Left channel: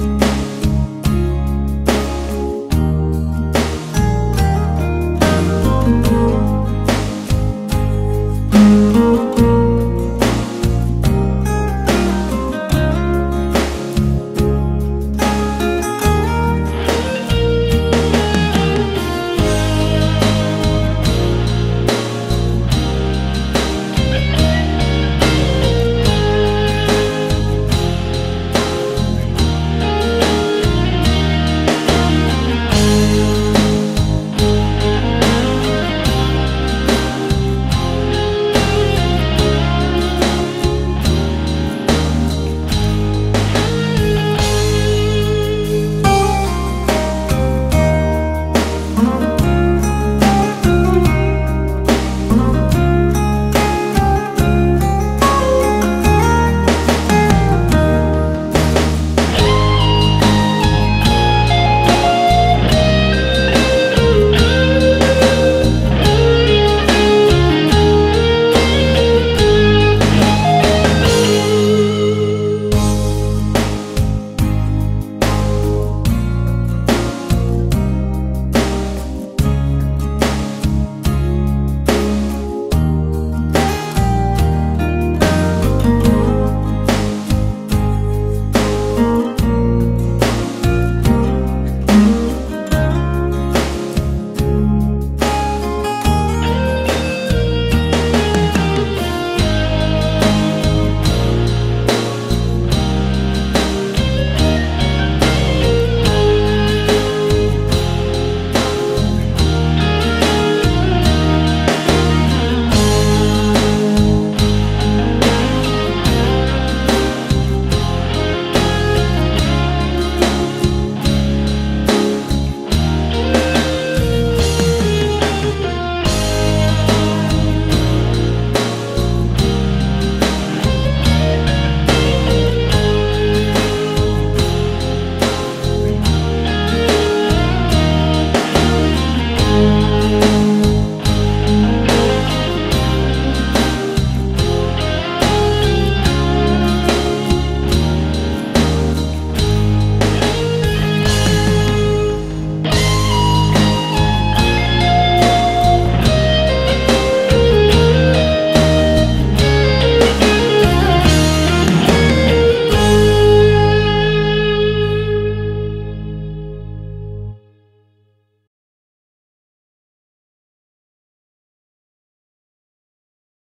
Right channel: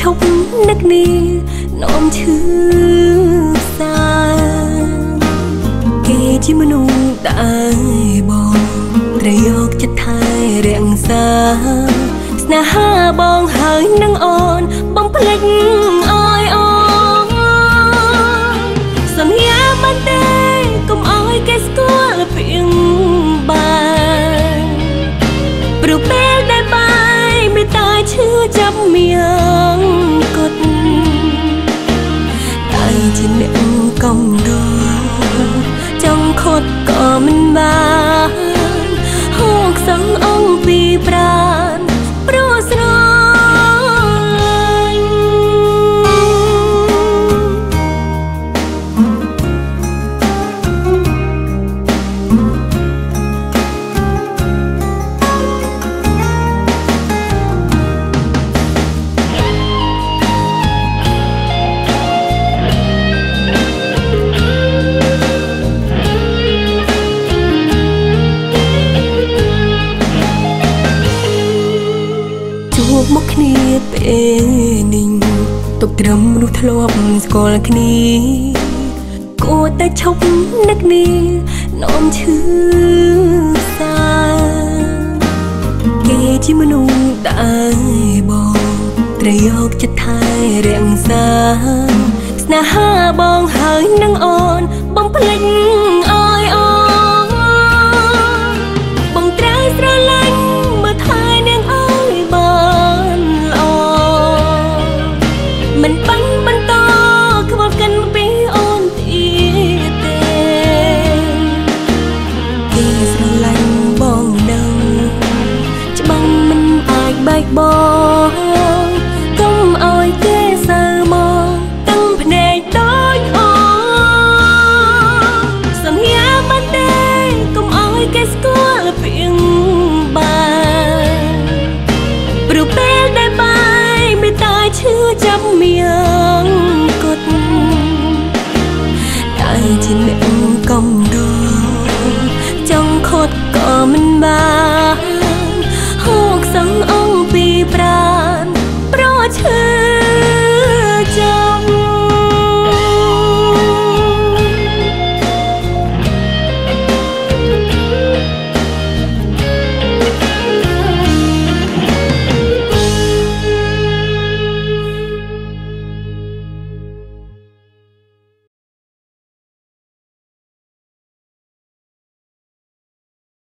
ឈប់នឹកនេះនោមឈឺសាគេជាមនុស្សដែលបងត្រូវយកចិត្តថែរក្សាស្នេហាបងហើយនឹងអូនបំភ្លេចអើយអូសន្យាមិនទេកុំអោយគេស្គាល់ពីងបានព្រោះពេលដែលបាយមិនតាឈឺចាប់មៀងគត់តែជាអ្នកកំដរចង់ខត់ក៏មិនបានហូរខ្សឹងអង្គពីប្រាណព្រោះស្រឡាញ់ទុកត្រឹមមនុស្សធ្លាប់ស្គាល់គ្នាគួរតែឈប់នឹកនេះនោមឈឺសាគេជាមនុស្ស